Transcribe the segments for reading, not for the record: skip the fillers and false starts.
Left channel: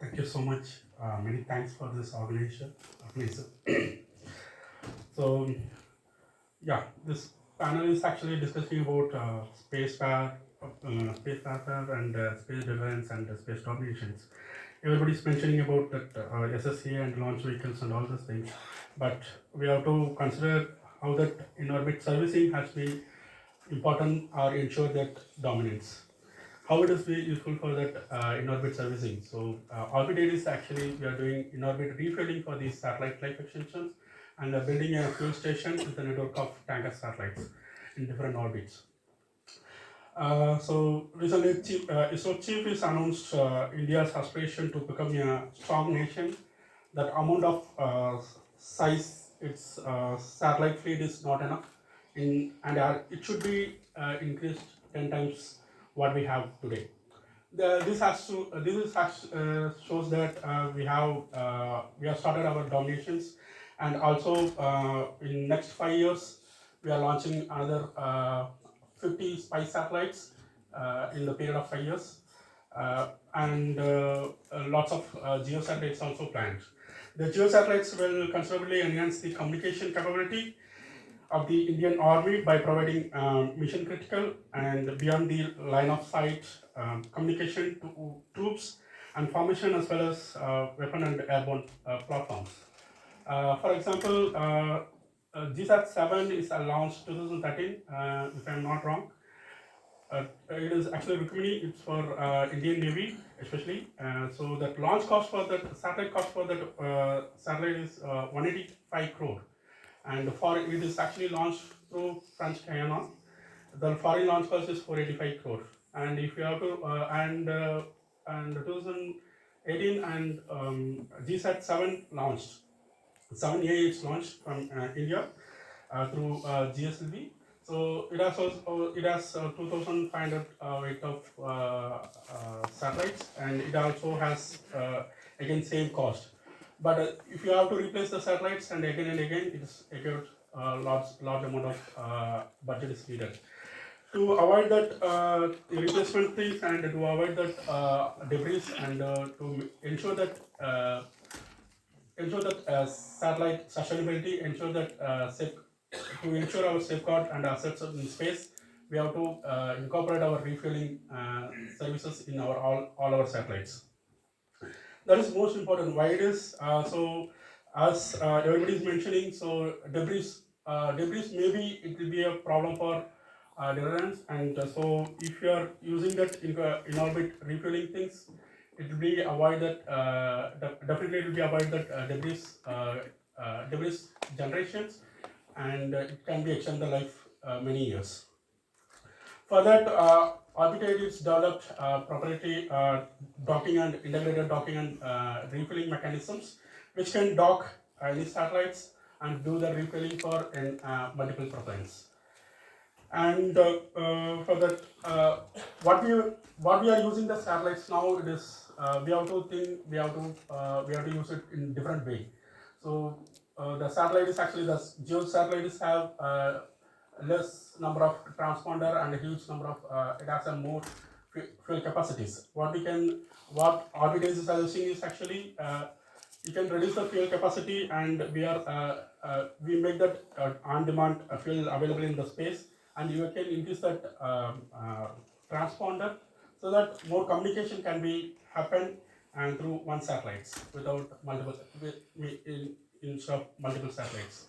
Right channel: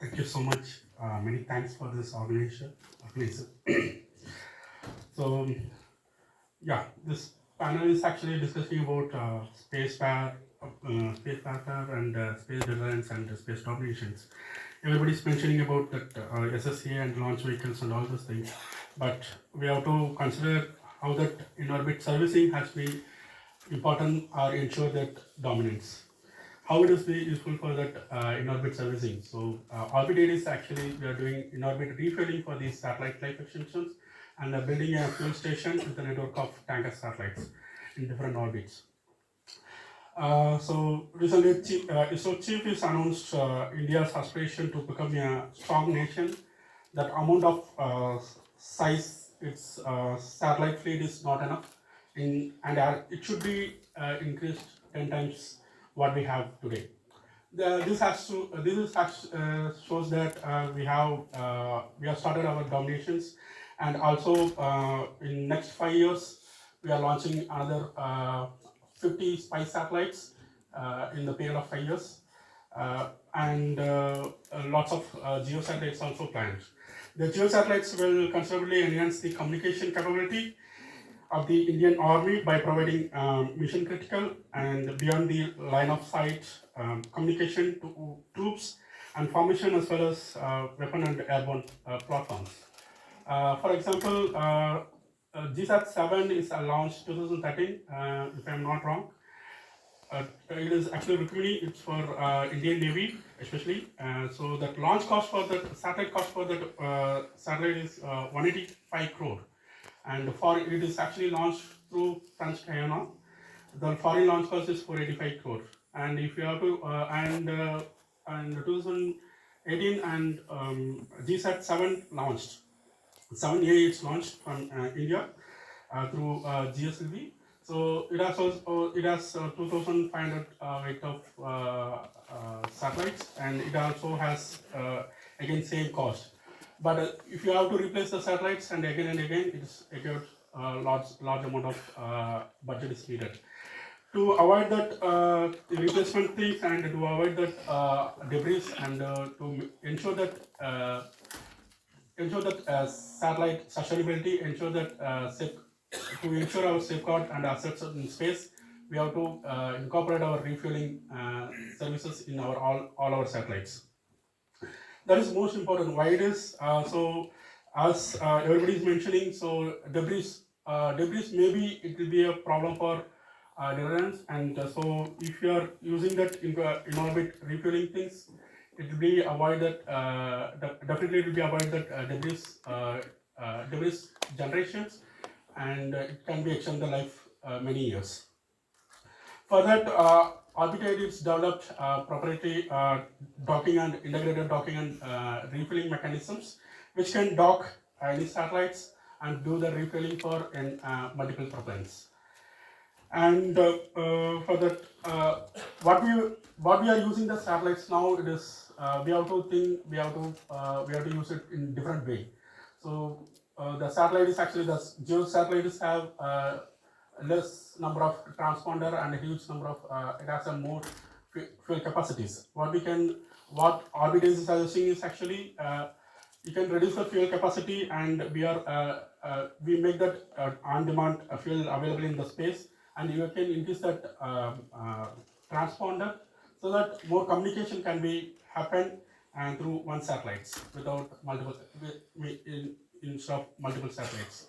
Thank you so much. Many thanks for this organization. So, yeah, this panel is actually discussing about space warfare and space deterrence and space dominations. Everybody's mentioning about that SSA and launch vehicles and all those things, but we have to consider how that in-orbit servicing has been important or ensure that dominance. How it is be useful for that in-orbit servicing. So Orbit is actually we are doing in-orbit refueling for these satellite life extensions and building a fuel station with a network of tanker satellites in different orbits. So recently, ISRO chief is announced India's aspiration to become a strong nation. That amount of size, its satellite fleet is not enough, and it should be increased 10 times what we have today. Shows that we have started our dominations, and also in next 5 years we are launching another 50 spy satellites in the period of 5 years, and lots of geosatellites also planned. The geosatellites will considerably enhance the communication capability of the Indian Army by providing mission critical and beyond the line of sight communication to troops and formation, as well as weapon and airborne platforms. For example, GSAT 7 is launched 2013, if I'm not wrong. It is actually Rukmini, it's for Indian Navy especially. So that launch cost for that satellite cost for that satellite is 185 crore, and for it is actually launched through French Guyana. The foreign launch cost is 485 crore, and if you have to and 2018 and GSAT 7 launched. 7A is launched from India through GSLV. So it has 2,500 weight of satellites, and it also has again same cost. But if you have to replace the satellites and again, it is again large amount of budget is needed to avoid that replacement things, and to avoid that debris, and to ensure that satellite sustainability, to ensure our safeguard and assets in space, we have to incorporate our refueling services in all our satellites. That is most important. Why it is so? As everybody is mentioning, so debris maybe it will be a problem for deterrence, and so if you are using that in orbit refueling things, it will be avoid that definitely it will be avoid that debris generations, and it can be extend the life many years. For that, Orbitaid is developed proprietary docking and integrated docking and refilling mechanisms, which can dock any satellites and do the refilling for multiple propellants. And for that, what we are using the satellites now, it is we have to use it in different way. So the satellite is actually the geo satellites have less number of transponder and a huge number of it has a more fuel capacities. What Orbit is suggesting is actually you can reduce the fuel capacity, and we make that on demand fuel available in the space, and you can increase that transponder so that more communication can be happen and through one satellites without multiple instead of multiple satellites.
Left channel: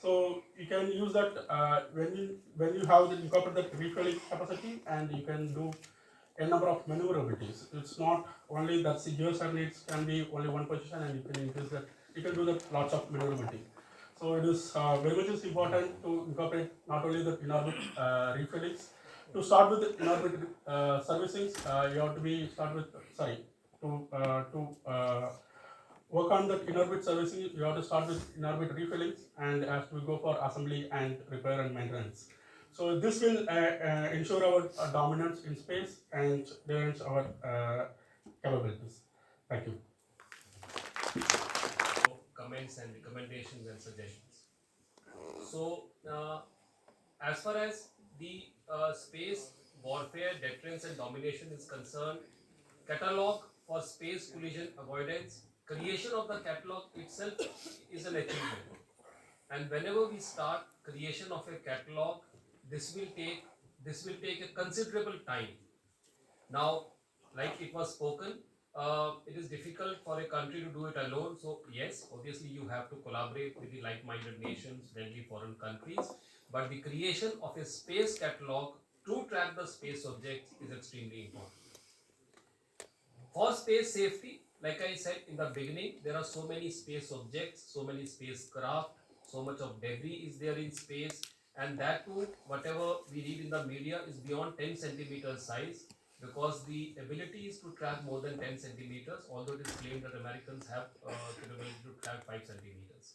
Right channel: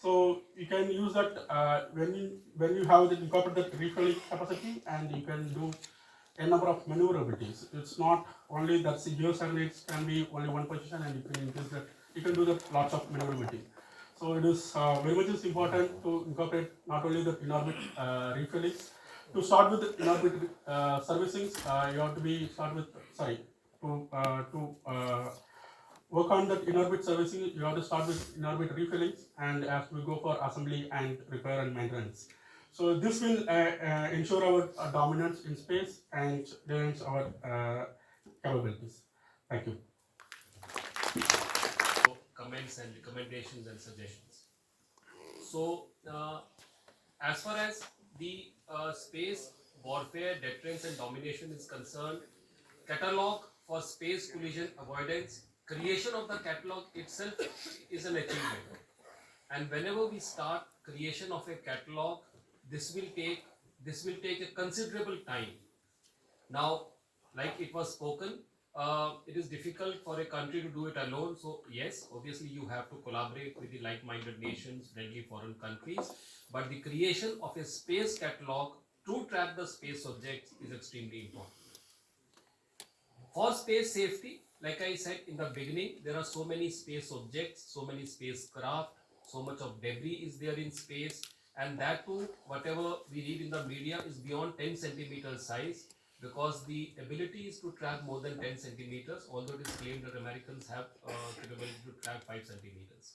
So you can use that when you have the incorporate that refueling capacity, and you can do a number of maneuverabilities. It's not only that geo satellites can be only one position, and you can increase that. You can do that lots of maneuverability. So it is very much is important to incorporate not only the in-orbit refueling. To start with the in-orbit servicings, you have to be start with to work on that in-orbit servicing. You have to start with in-orbit refillings, and as we go for assembly and repair and maintenance. So this will ensure our dominance in space and enhance our capabilities. Thank you. Comments and recommendations and suggestions. So, as far as the space warfare, deterrence, and domination is concerned, catalog for space collision avoidance, creation of the catalog itself is an achievement. And whenever we start creation of a catalog, this will take a considerable time. Now, like it was spoken, it is difficult for a country to do it alone. So yes, obviously you have to collaborate with the like-minded nations, friendly foreign countries. But the creation of a space catalog to track the space objects is extremely important. For space safety, like I said in the beginning, there are so many space objects, so many spacecraft, so much of debris is there in space, and that too, whatever we read in the media is beyond 10 centimeters size, because the ability is to track more than 10 centimeters, although it is claimed that Americans have capability to track 5 centimeters.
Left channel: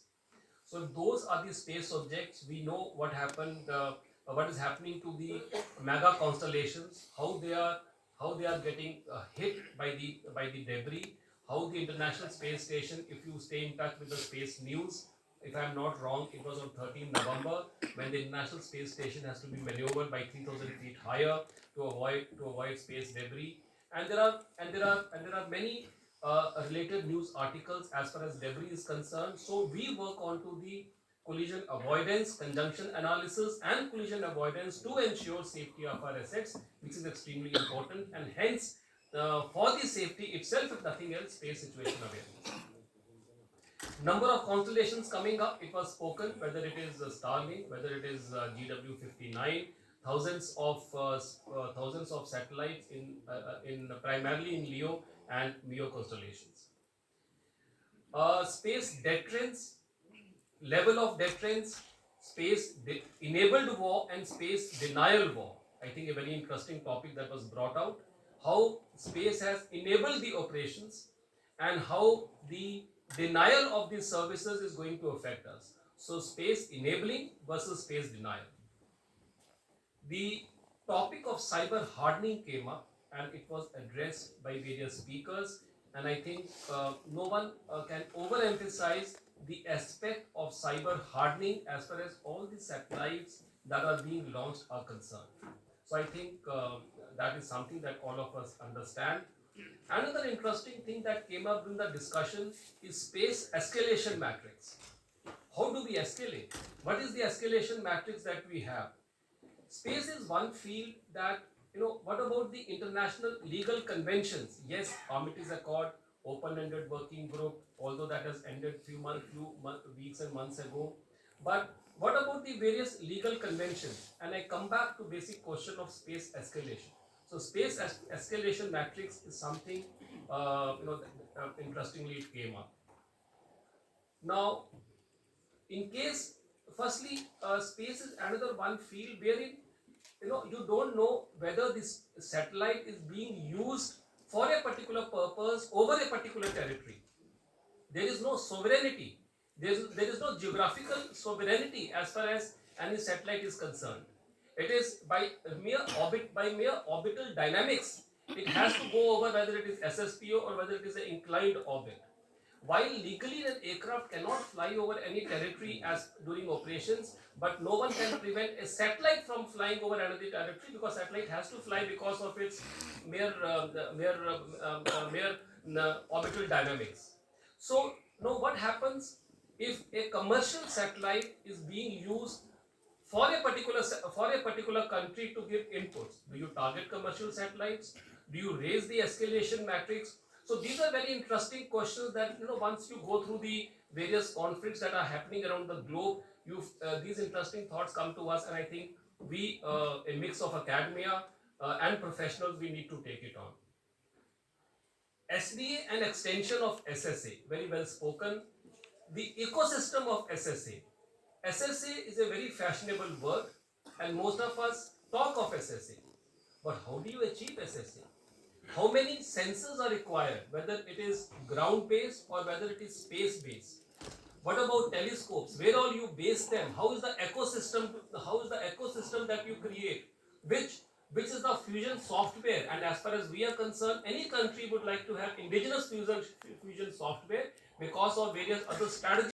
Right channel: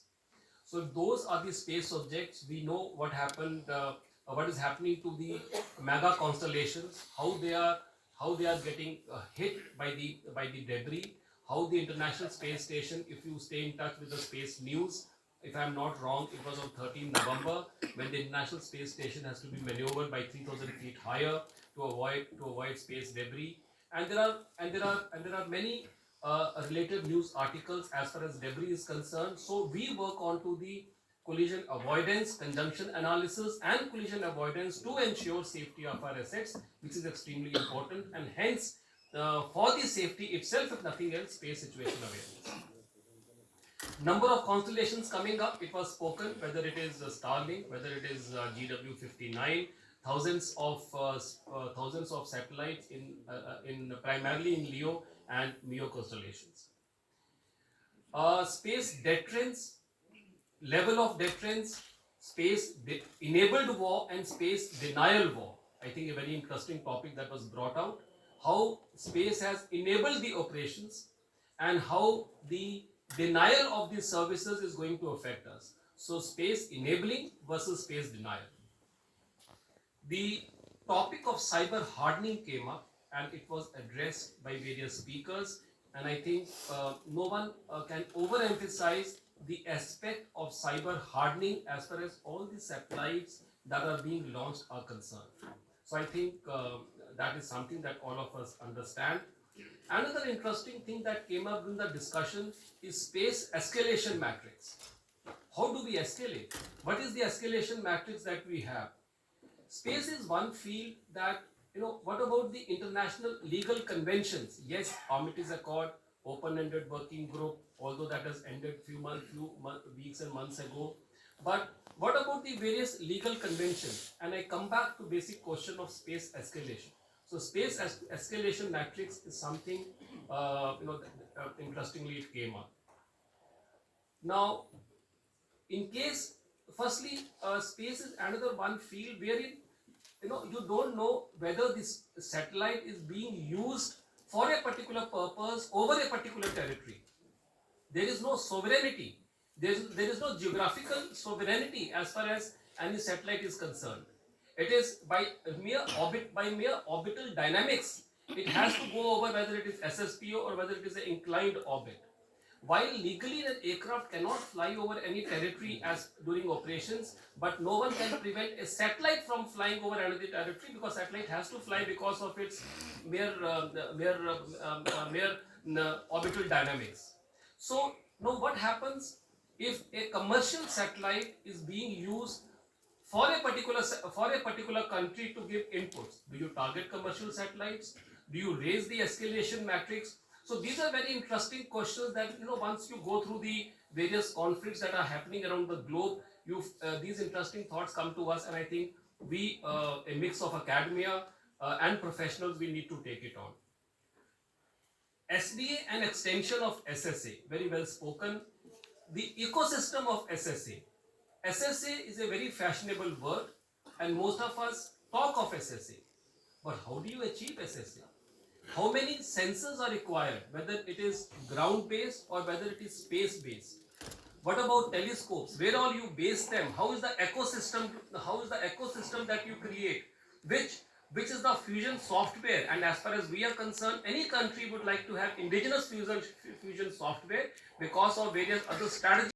So if those are the space objects, we know what is happening to the mega constellations, how they are getting hit by the debris, how the International Space Station, if you stay in touch with the space news, if I'm not wrong, it was on 13 November when the International Space Station has to be maneuvered by 3,000 feet higher to avoid space debris, and there are many related news articles as far as debris is concerned. So we work on to the collision avoidance, conjunction analysis, and collision avoidance to ensure safety of our assets, which is extremely important, and hence for the safety itself, if nothing else, space situation awareness. Number of constellations coming up, it was spoken, whether it is Starlink, whether it is GW59, thousands of satellites in primarily in LEO and MEO constellations. Space deterrence, level of deterrence, enabled war and space denial war. I think a very interesting topic that was brought out. How space has enabled the operations and how the denial of these services is going to affect us. So space enabling versus space denial. The topic of cyber hardening came up and it was addressed by various speakers, and I think no one can overemphasize the aspect of cyber hardening as far as all the satellites that are being launched are concerned. So I think that is something that all of us understand. Another interesting thing that came up in the discussion is space escalation matrix. How do we escalate? What is the escalation matrix that we have? Space is one field that, what about the international legal conventions? Yes, Armistice Accord, open-ended working group, although that has ended few weeks and months ago. But what about the various legal conventions? And I come back to basic question of space escalation. So space escalation matrix is something, interestingly it came up. Now, in case, firstly, space is another one field wherein you don't know whether this satellite is being used for a particular purpose over a particular territory. There is no sovereignty. There is no geographical sovereignty as far as any satellite is concerned. It is by mere orbital dynamics. It has to go over whether it is SSPO or whether it is an inclined orbit. While legally an aircraft cannot fly over any territory as during operations, but no one can prevent a satellite from flying over another territory, because satellite has to fly because of its mere orbital dynamics. So now what happens if a commercial satellite is being used for a particular country to give inputs? Do you target commercial satellites? Do you raise the escalation matrix? So these are very interesting questions that, once you go through the various conflicts that are happening around the globe, these interesting thoughts come to us, and I think we, a mix of academia and professionals, we need to take it on. SDA and extension of SSA, very well spoken. The ecosystem of SSA. SSA is a very fashionable word, and most of us talk of SSA. But how do you achieve SSA? How many sensors are required, whether it is ground-based or whether it is space-based? What about telescopes? Where all you base them? How is the ecosystem? How is the ecosystem that you create? Which is the fusion software? And as far as we are concerned, any country would like to have indigenous fusion software because of various other strategies